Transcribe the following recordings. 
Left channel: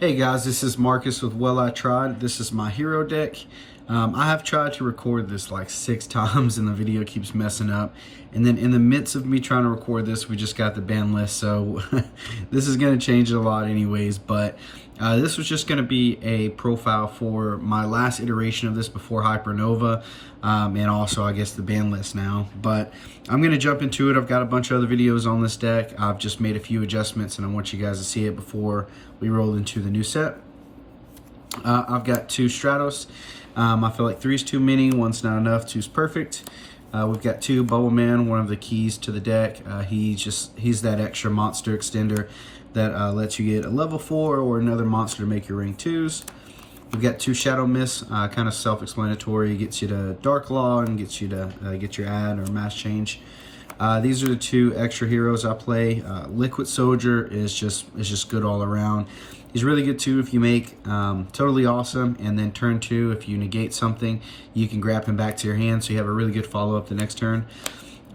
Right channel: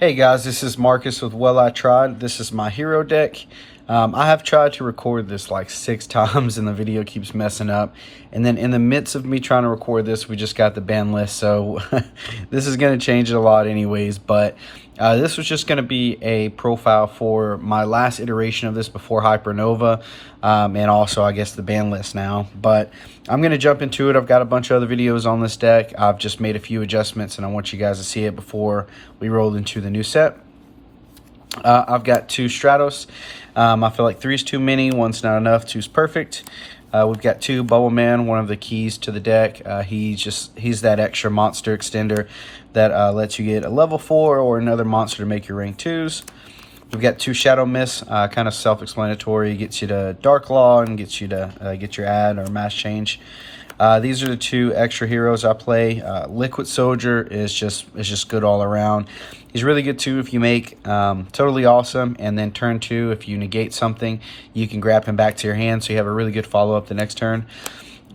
Hey guys, this is Marcus with Well I Tried. This is my hero deck. I have tried to record this like 6 times and the video keeps messing up. And then in the midst of me trying to record this, we just got the ban list. So this is going to change it a lot anyways. But this was just going to be a profile for my last iteration of this before Hypernova. And also, I guess, the ban list now. But I'm going to jump into it. I've got a bunch of other videos on this deck. I've just made a few adjustments and I want you guys to see it before we roll into the new set. I've got 2 Stratos. I feel like 3 is too many, 1's not enough, 2's perfect. We've got 2 Bubble Man, one of the keys to the deck. He's that extra monster extender that lets you get a level 4 or another monster to make your rank 2s. We've got 2 Shadow Mist, kind of self-explanatory. Gets you to Dark Law and gets you to get your ad or mass change. These are the 2 extra heroes I play. Liquid Soldier is just good all around. He's really good too if you make Totally Awesome, and then turn 2, if you negate something, you can grab him back to your hand, so you have a really good follow-up the next turn.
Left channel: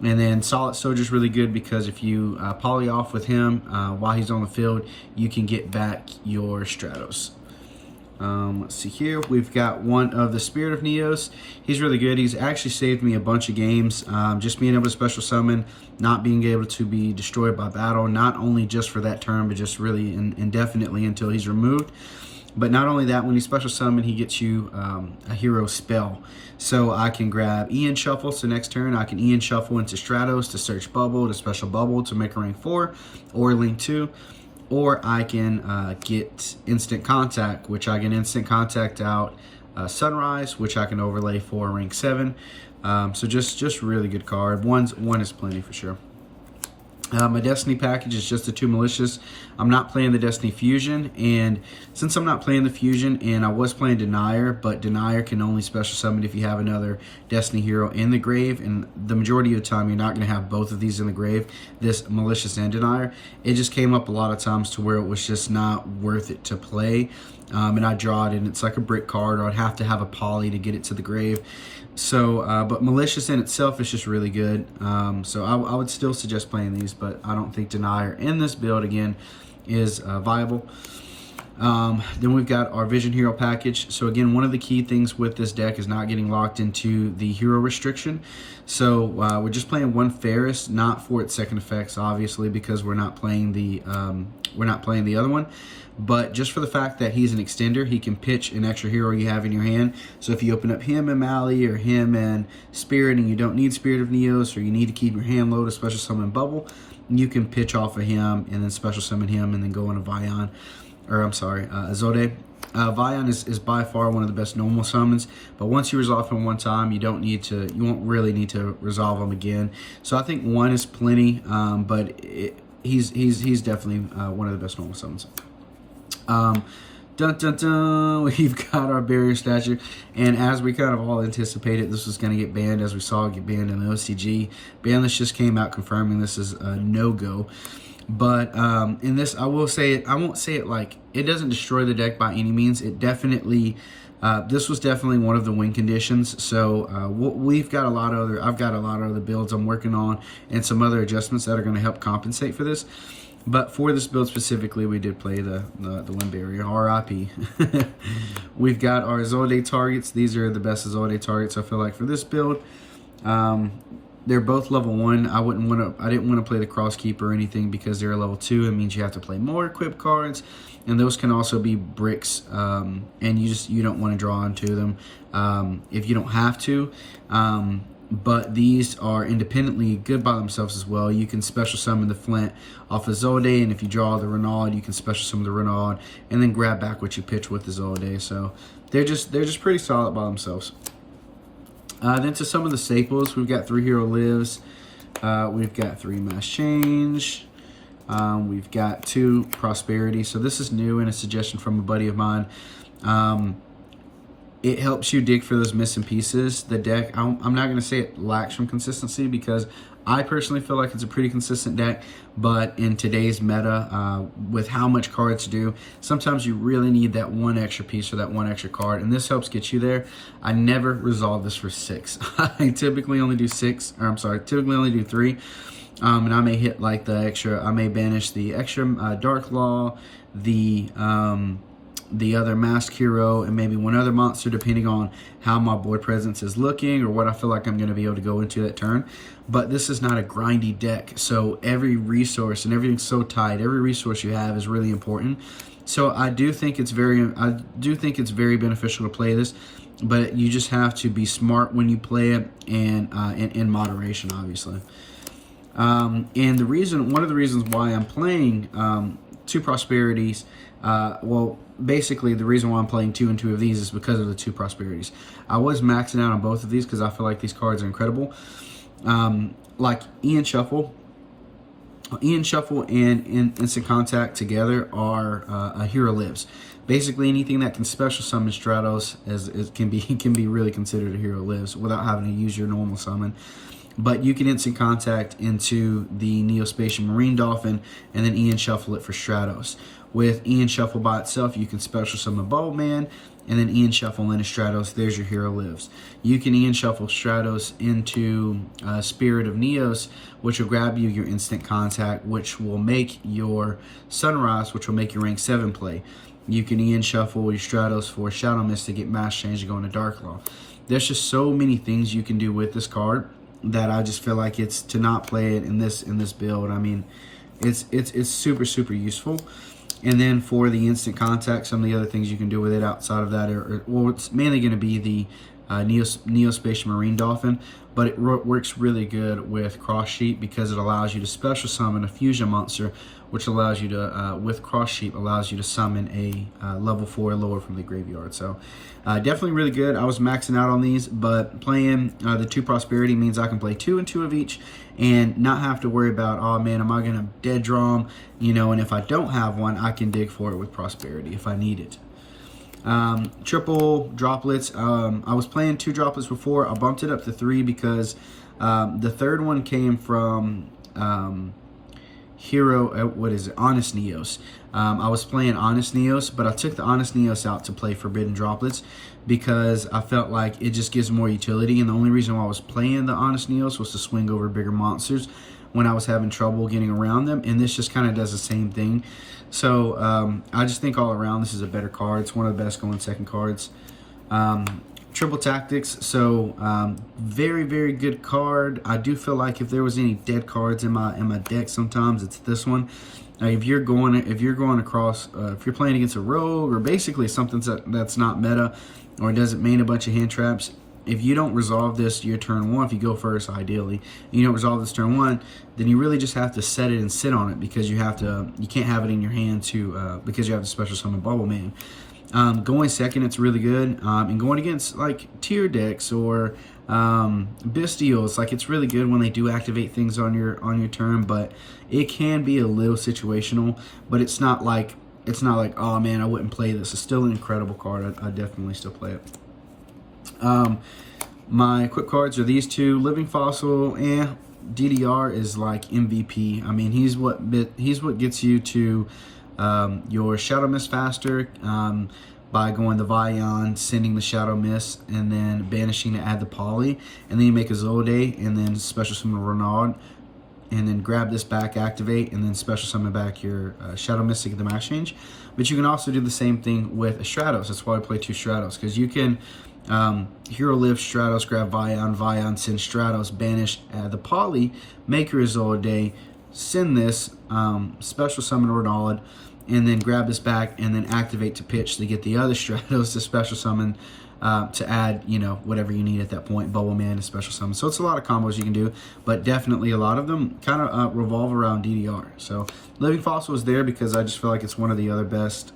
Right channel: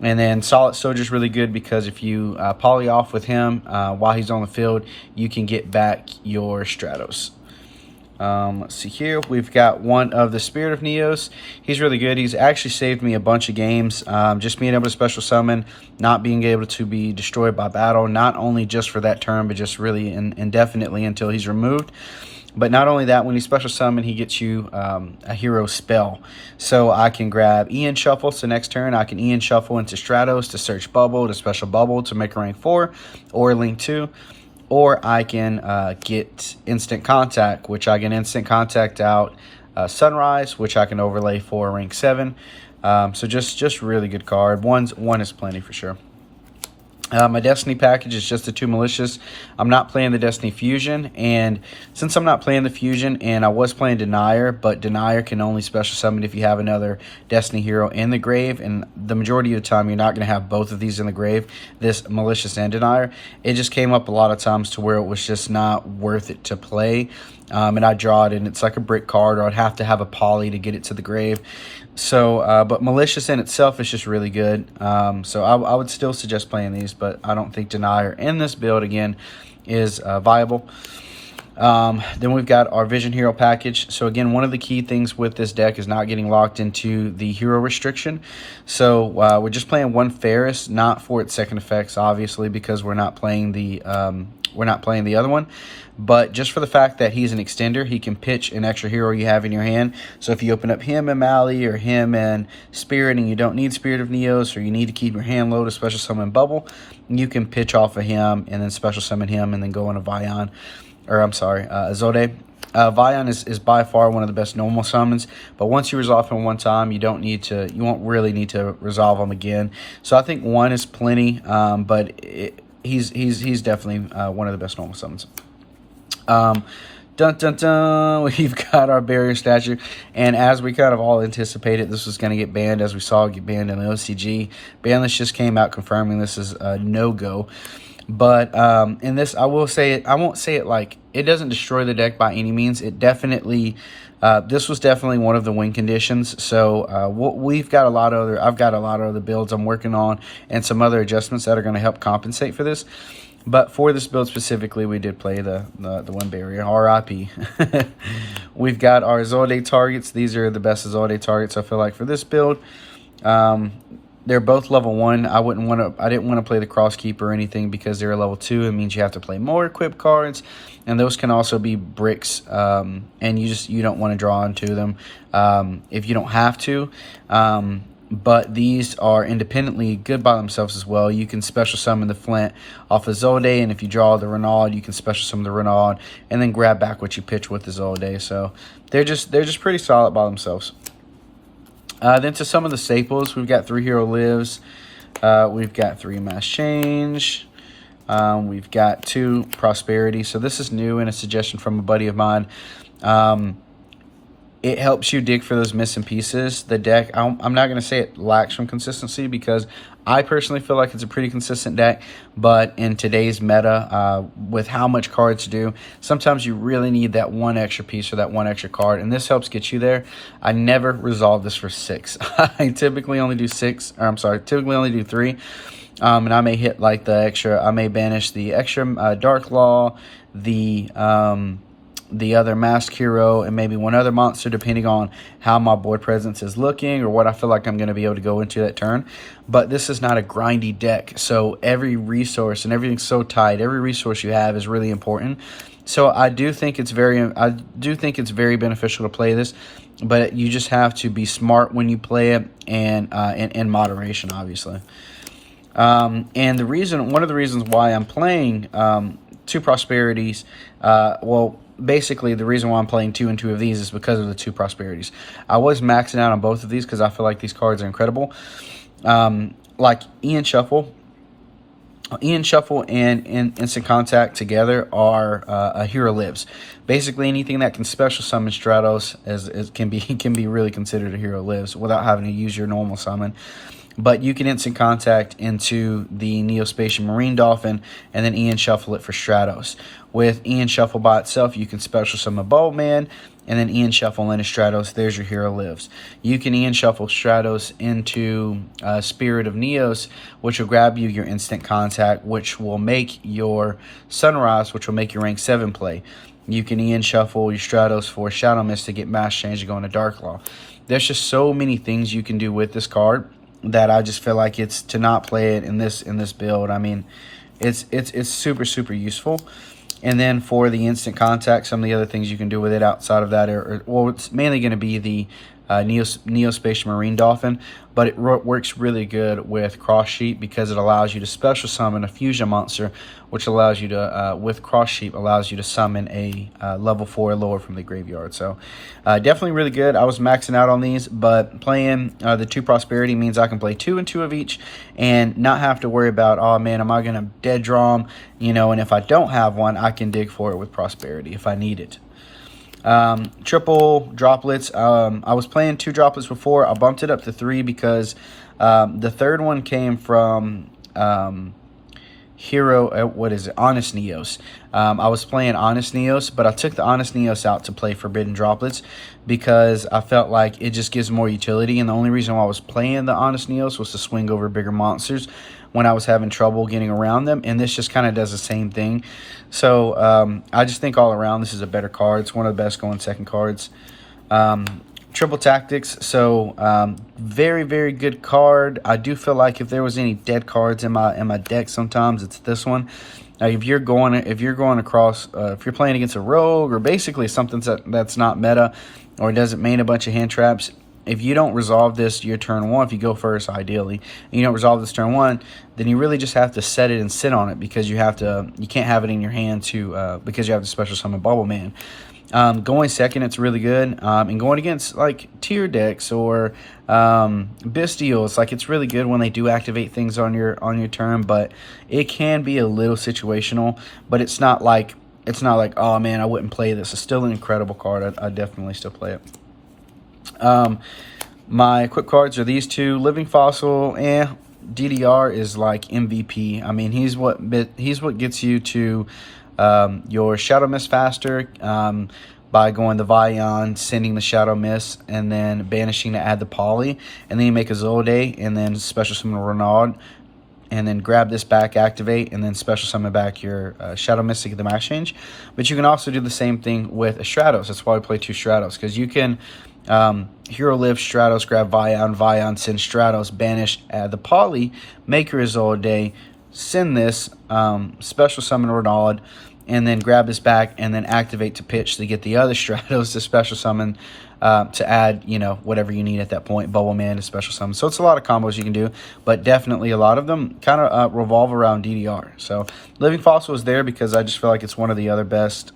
And then Solid Soldier is really good because if you poly off with him while he's on the field, you can get back your Stratos. Let's see here. We've got one of the Spirit of Neos. He's really good. He's actually saved me a bunch of games. Just being able to special summon, not being able to be destroyed by battle, not only just for that turn, but just really indefinitely until he's removed. But not only that, when you special summon, he gets you a hero spell. So I can grab Ian Shuffle. So next turn, I can Ian Shuffle into Stratos to search Bubble, to special Bubble to make a rank 4 or link 2. Or I can get Instant Contact, which I can Instant Contact out Sunrise, which I can overlay for rank 7. So just really good card. One is plenty for sure. My Destiny package is just the 2 Malicious. I'm not playing the Destiny Fusion, and since I'm not playing the Fusion, and I was playing Denier, but Denier can only special summon if you have another Destiny hero in the grave, and the majority of the time you're not going to have both of these in the grave, this Malicious and Denier. It just came up a lot of times to where it was just not worth it to play, and I draw it, and it's like a brick card, or I'd have to have a poly to get it to the grave. So, but Malicious in itself is just really good. So I would still suggest playing these, but I don't think Denier in this build, again, is viable. Then we've got our Vision Hero package. So again, one of the key things with this deck is not getting locked into the hero restriction. So we're just playing 1 Ferris, not for its second effects, obviously, because we're not playing the other one. But just for the fact that he's an extender, he can pitch an extra hero you have in your hand. So if you open up him and Mally, or him and Spirit, and you don't need Spirit of Neos, or you need to keep your hand low to special summon Bubble, you can pitch off of him and then special summon him and then go into Vion. Or I'm sorry, Zode. Vion is by far one of the best normal summons, but once you resolve him one time, you won't really need to resolve him again. So I think 1 is plenty, but he's definitely one of the best normal summons. Dun dun dun, we've got our Barrier Statue, and as we kind of all anticipated, this was going to get banned, as we saw it get banned in the OCG. Banlist just came out confirming this is a no-go. But in this, I will say it. I won't say it like it doesn't destroy the deck by any means. It definitely, this was definitely one of the win conditions. So I've got a lot of other builds I'm working on, and some other adjustments that are going to help compensate for this. But for this build specifically, we did play the win barrier. RIP. We've got our Zode targets. These are the best Zode targets I feel like for this build. They're both level 1. I didn't want to play the Crosskeeper or anything because they're a level 2. It means you have to play more equipped cards, and those can also be bricks. And you don't want to draw into them if you don't have to. But these are independently good by themselves as well. You can special summon the Flint off of Zode, and if you draw the Renaud, you can special summon the Renaud and then grab back what you pitch with the Zode. So they're just pretty solid by themselves. Then to some of the staples, we've got 3 Hero Lives, we've got 3 Mass Change, we've got 2 Prosperity. So this is new and a suggestion from a buddy of mine. It helps you dig for those missing pieces. The deck, I'm not going to say it lacks from consistency because I personally feel like it's a pretty consistent deck, but in today's meta, with how much cards do, sometimes you really need that 1 extra piece or that 1 extra card, and this helps get you there. I never resolve this for 6. I typically only do 3. And I may hit like the extra, I may banish the extra Dark Law, the the other mask hero and maybe one other monster, depending on how my board presence is looking or what I feel like I'm going to be able to go into that turn. But this is not a grindy deck, so every resource and everything's so tight. Every resource you have is really important. So I do think it's very beneficial to play this, but you just have to be smart when you play it, and in moderation, obviously. And one of the reasons why I'm playing 2 prosperities, well, basically the reason why I'm playing 2 and 2 of these is because of the 2 prosperities. I was maxing out on both of these because I feel like these cards are incredible. Like Ian Shuffle and Instant Contact together are a hero lives. Basically, anything that can special summon Stratos can be really considered a hero lives without having to use your normal summon. But you can Instant Contact into the Neospatial Marine Dolphin and then Ian Shuffle it for Stratos. With Ian Shuffle by itself, you can special summon Bowman and then Ian Shuffle into Stratos. There's your hero lives. You can Ian Shuffle Stratos into Spirit of Neos, which will grab you your Instant Contact, which will make your Sunrise, which will make your rank 7 play. You can Ian Shuffle your Stratos for Shadow Mist to get Mass Change to go into Dark Law. There's just so many things you can do with this card that I just feel like it's to not play it in this build. I mean, it's super useful. And then for the Instant Contact, some of the other things you can do with it outside of that well, it's mainly going to be the Neospatial Marine Dolphin, but it works really good with Cross Sheep because it allows you to special summon a fusion monster, which allows you to, with Cross Sheep, allows you to summon a level 4 or lower from the graveyard. So definitely really good. I was maxing out on these, but playing the 2 Prosperity means I can play 2 and 2 of each and not have to worry about, oh man, am I going to dead draw them? You know, and if I don't have one, I can dig for it with Prosperity if I need it. Triple droplets. I was playing 2 droplets before. I bumped it up to 3 because the third one came from Honest Neos. I was playing Honest Neos, but I took the Honest Neos out to play Forbidden Droplets because I felt like it just gives more utility, and the only reason why I was playing the Honest Neos was to swing over bigger monsters when I was having trouble getting around them, and this just kind of does the same thing. So I just think all around this is a better card. It's one of the best going second cards. Triple Tactics, so very good card. I do feel like if there was any dead cards in my deck, sometimes it's this one. If you're playing against a rogue or basically something that's not meta or doesn't main a bunch of hand traps, if you don't resolve this your turn 1, if you go first ideally, and you don't resolve this turn 1, then you really just have to set it and sit on it because you can't have it in your hand because you have to special summon Bubble Man. Going second, it's really good. And going against like tier decks or Bestials, like it's really good when they do activate things on your turn, but it can be a little situational. But it's not like oh man, I wouldn't play this. It's still an incredible card. I definitely still play it. My equip cards are these 2. Living Fossil, DDR is like MVP. I mean, he's what gets you to your Shadow Mist faster by going the Vion, sending the Shadow Mist, and then banishing to add the Poly, and then you make a Zolde, and then special summon Renaud, and then grab this back, activate, and then special summon back your Shadow Mist to get the max change. But you can also do the same thing with a Stratos. That's why we play 2 Stratos, because you can Hero Live Stratos, grab Vion, send Stratos, banish, add the Poly, make your Zolde, send this, special summon Renaud, and then grab this back and then activate to pitch to get the other Stratos to special summon to add, whatever you need at that point, Bubble Man to special summon. So it's a lot of combos you can do, but definitely a lot of them kind of revolve around DDR. So Living Fossil is there because I just feel like it's one of the other best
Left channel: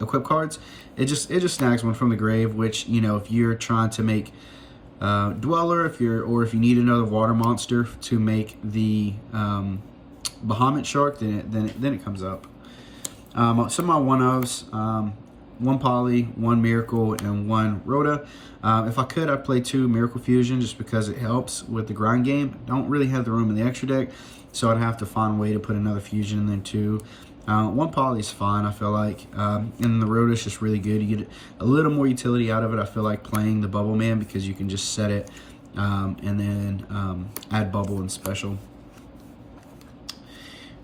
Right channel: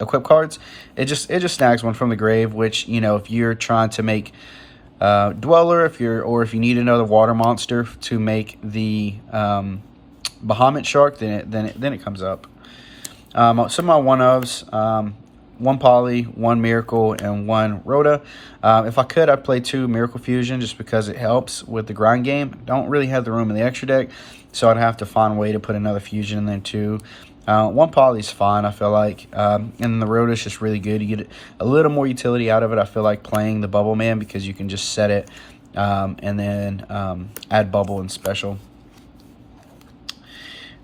equip cards. It just snags one from the grave, which, if you're trying to make Dweller, if you need another water monster to make the Bahamut Shark, then it comes up. Some of my one-ofs, 1 Poly, 1 Miracle, and 1 Rhoda. If I could, I'd play 2 Miracle Fusion just because it helps with the grind game. Don't really have the room in the extra deck, so I'd have to find a way to put another Fusion in there too. 1 Poly is fine, I feel like. And the Rhoda is just really good. You get a little more utility out of it, I feel like, playing the Bubble Man because you can just set it and then add Bubble and special.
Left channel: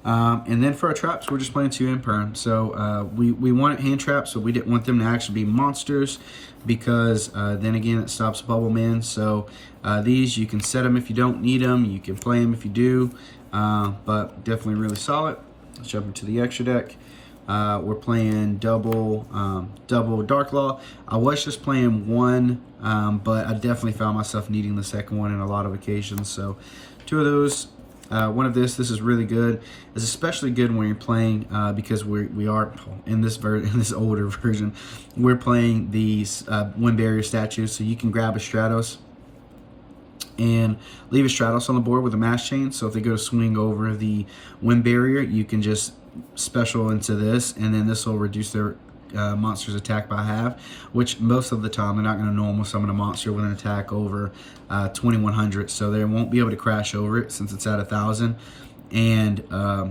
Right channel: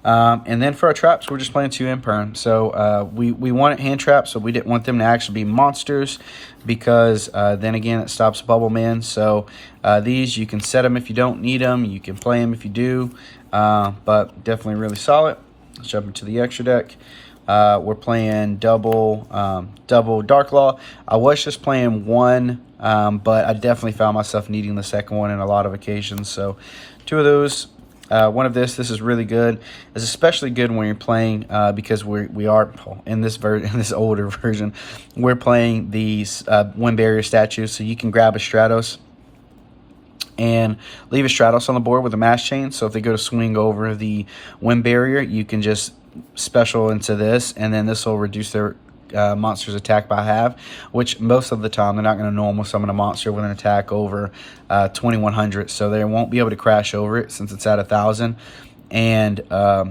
And then for our traps, we're just playing 2 imperm. So we wanted hand traps, so we didn't want them to actually be monsters, because then again it stops Bubble Man. So these, you can set them if you don't need them, you can play them if you do, but definitely really solid. Let's jump into the extra deck. We're playing double Dark Law. I was just playing one, but I definitely found myself needing the second one in a lot of occasions. So 2 of those. One of this is really good. It's especially good when you're playing, because we are in this older version, we're playing these wind barrier statues. So you can grab a Stratos and leave a Stratos on the board with a mass chain. So if they go to swing over the wind barrier, you can just special into this, and then this will reduce their monster's attack by half, which most of the time they're not going to normal summon a monster with an attack over 2100, so they won't be able to crash over it since it's at 1000, and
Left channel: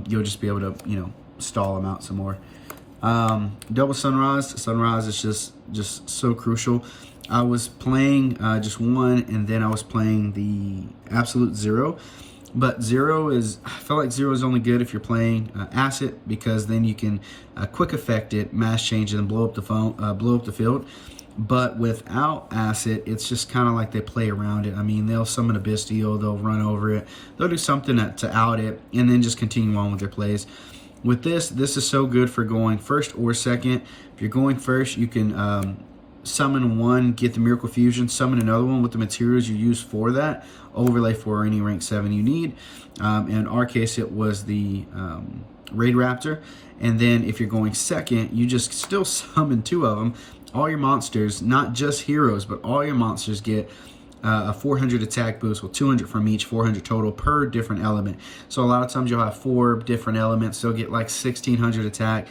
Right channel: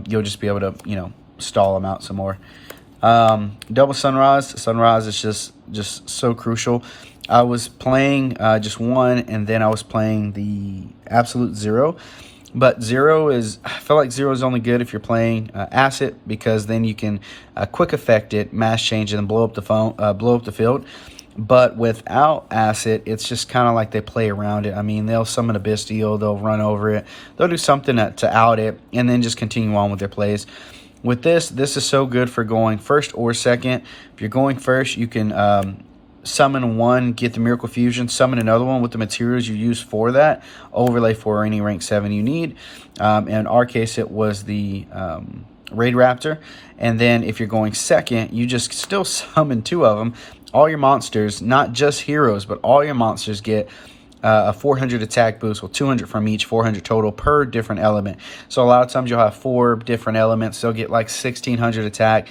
you'll just be able to, you know, stall them out some more. Double Sunrise is just so crucial. I was playing just one, and then I was playing the Absolute Zero. But Zero is, I feel like Zero is only good if you're playing Acid, because then you can quick effect it, mass change, and then blow up the field. But without Acid, it's just kind of like they play around it. I mean, they'll summon a Bestial, they'll run over it, they'll do something to out it, and then just continue on with their plays. With this is so good for going first or second. If you're going first, you can summon one, get the Miracle Fusion, summon another one with the materials you use for that, overlay for any rank 7 you need. In our case, it was the Raid Raptor. And then if you're going second, you just still summon 2 of them. All your monsters, not just heroes, but all your monsters get a 400 attack boost with 200 from each, 400 total per different element. So a lot of times you'll have 4 different elements. They'll get like 1600 attack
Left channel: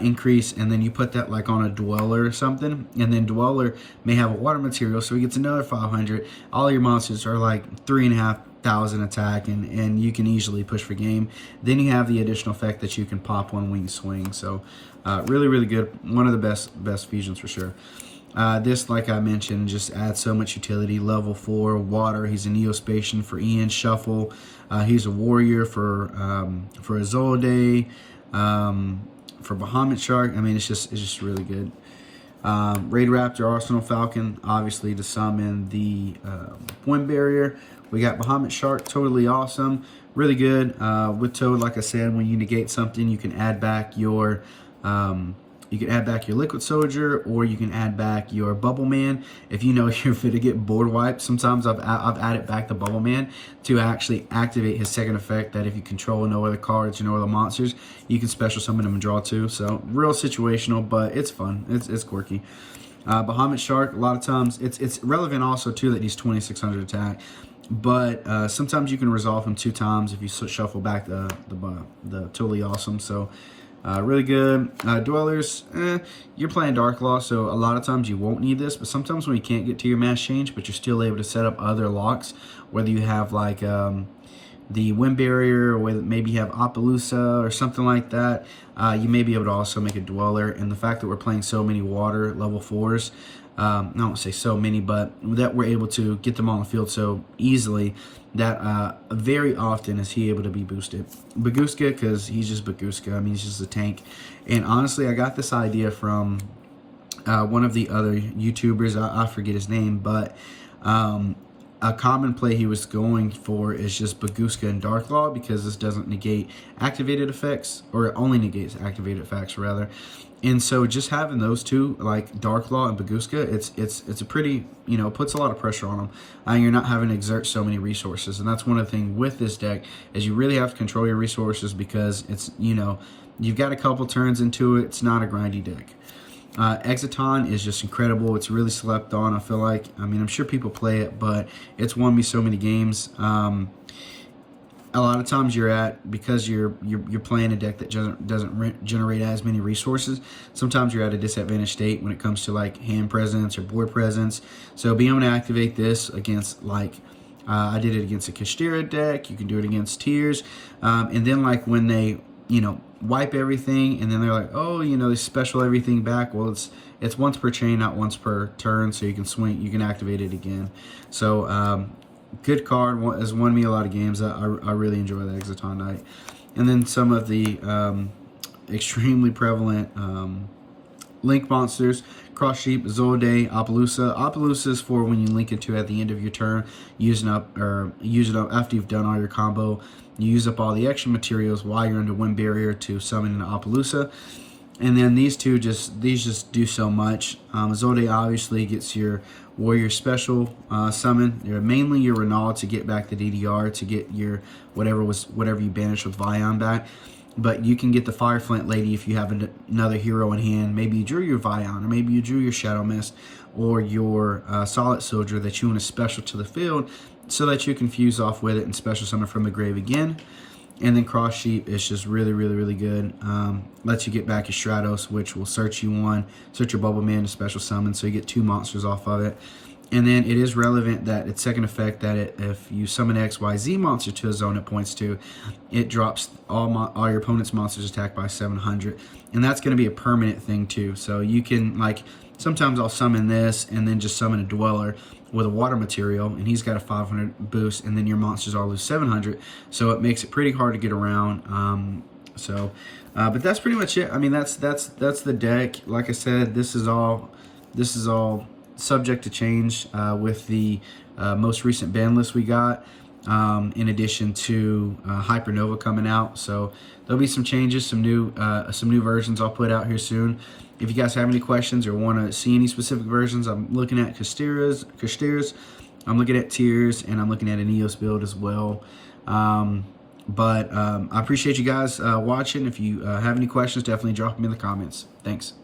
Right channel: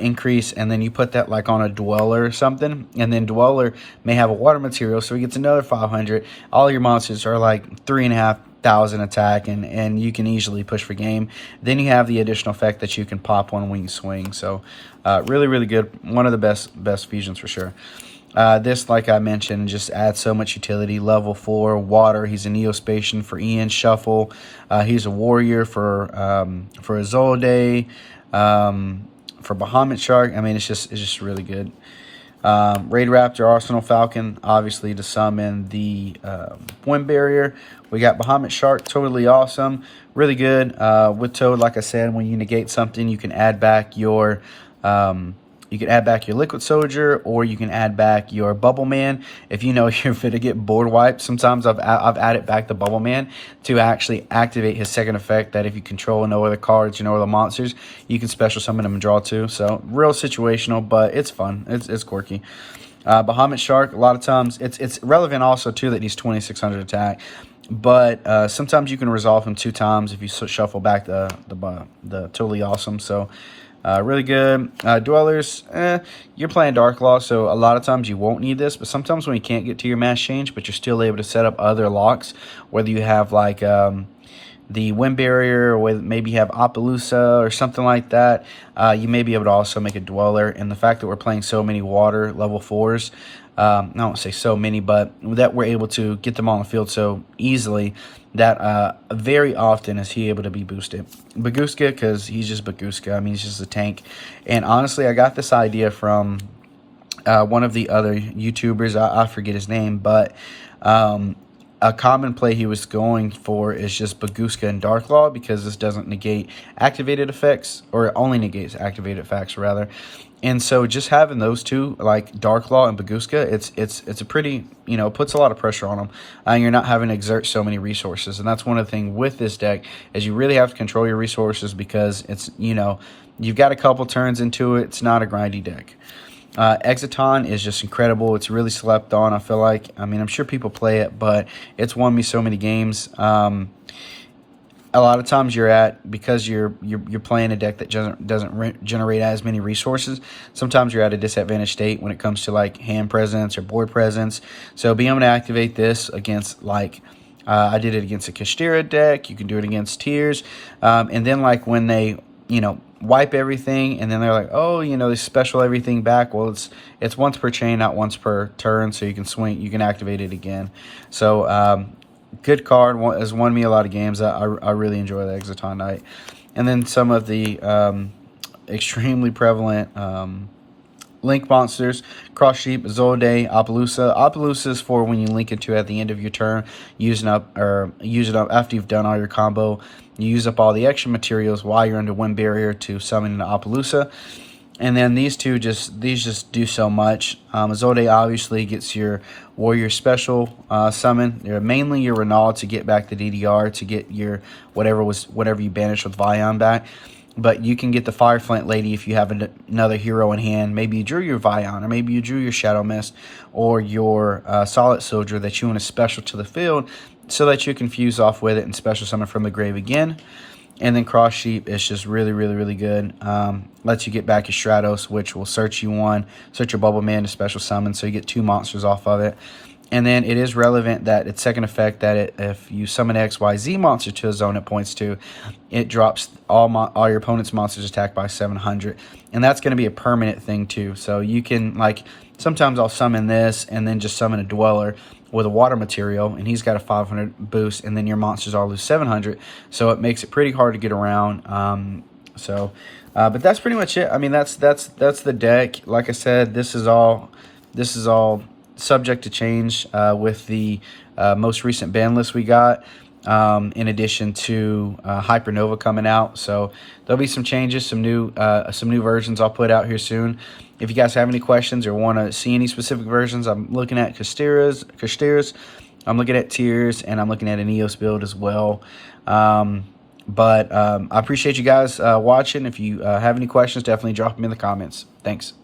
increase, and then you put that like on a Dweller or something, and then Dweller may have a water material, so he gets another 500. All your monsters are like 3,500 attack, and you can easily push for game. Then you have the additional effect that you can pop one when you swing. So really good. One of the best fusions for sure. This, like I mentioned, just adds so much utility. Level 4 water. He's a Neospatian for Ian Shuffle. He's a warrior for Azolde, for Bahamut Shark. I mean, it's just really good. Raid Raptor, Arsenal Falcon, obviously to summon the Wind Barrier. We got Bahamut Shark, totally awesome, really good. With Toad, like I said, when you negate something, you can add back your Liquid Soldier, or you can add back your Bubble Man. If you know you're fit to get board wiped, sometimes I've added back the Bubble Man to actually activate his second effect, that if you control no other cards, no other monsters, you can special summon them and draw 2. So real situational, but it's fun. It's quirky. Bahamut Shark, a lot of times it's relevant also too that he's 2600 attack. But sometimes you can resolve him 2 times if you shuffle back the totally awesome. So really good. Dwellers, you're playing Dark Law, so a lot of times you won't need this, but sometimes when you can't get to your mass change, but you're still able to set up other locks, whether you have like the Wind Barrier, or maybe you have Appaloosa or something like that, you may be able to also make a Dweller. And the fact that we're playing so many water level 4s, I don't say so many, but that we're able to get them on the field so easily, that very often is he able to be boosted. Baguska, because he's just Baguska. I mean, he's just a tank. And honestly, I got this idea from one of the other YouTubers. I forget his name, but a common play he was going for is just Baguska and Dark Law, because this doesn't negate activated effects, or it only negates activated effects rather. And so just having those 2, like Dark Law and Baguska, it's a pretty, puts a lot of pressure on them. You're not having to exert so many resources. And that's one of the things with this deck, is you really have to control your resources, because it's, you've got a couple turns into it. It's not a grindy deck. Exiton is just incredible. It's really slept on, I feel like. I mean, I'm sure people play it, but it's won me so many games. A lot of times because you're playing a deck that doesn't generate as many resources, sometimes you're at a disadvantaged state when it comes to like hand presence or board presence. So being able to activate this against, like, I did it against a Kashtira deck, you can do it against Tears, and then like when they wipe everything, and then they're like, oh, they special everything back. Well, it's once per chain, not once per turn, so you can swing, you can activate it again. So good card, has won me a lot of games. I really enjoy the Exiton Knight. and then some of the extremely prevalent link monsters: Cross Sheep, Zolde, Appaloosa. Appaloosa is for when you link into at the end of your turn, use it up after you've done all your combo. You use up all the extra materials while you're under one barrier to summon an Appaloosa. And then these just do so much. Zolde obviously gets your warrior special summon. They're mainly your Renal to get back the DDR, to get your whatever you banished with Vion back. But you can get the Fire Flint Lady if you have another hero in hand. Maybe you drew your Vion, or maybe you drew your Shadow Mist, or your Solid Soldier that you want to special to the field, so that you can fuse off with it and special summon from the grave again. And then Cross Sheep is just really, really, really good. Lets you get back your Stratos, which will search your Bubble Man to special summon, so you get 2 monsters off of it. And then it is relevant that its second effect, that if you summon XYZ monster to a zone it points to, it drops all your opponent's monsters attack by 700. And that's going to be a permanent thing too. So you can, like, sometimes I'll summon this and then just summon a Dweller with a water material, and he's got a 500 boost, and then your monsters all lose 700. So it makes it pretty hard to get around. But that's pretty much it. I mean, that's the deck. Like I said, this is all subject to change with the most recent ban list we got, in addition to Hypernova coming out. So there'll be some changes, some new versions I'll put out here soon. If you guys have any questions or want to see any specific versions, I'm looking at Kashtiras, I'm looking at Tiers, and I'm looking at an EOS build as well. I appreciate you guys watching. If you have any questions, definitely drop them in the comments. Thanks.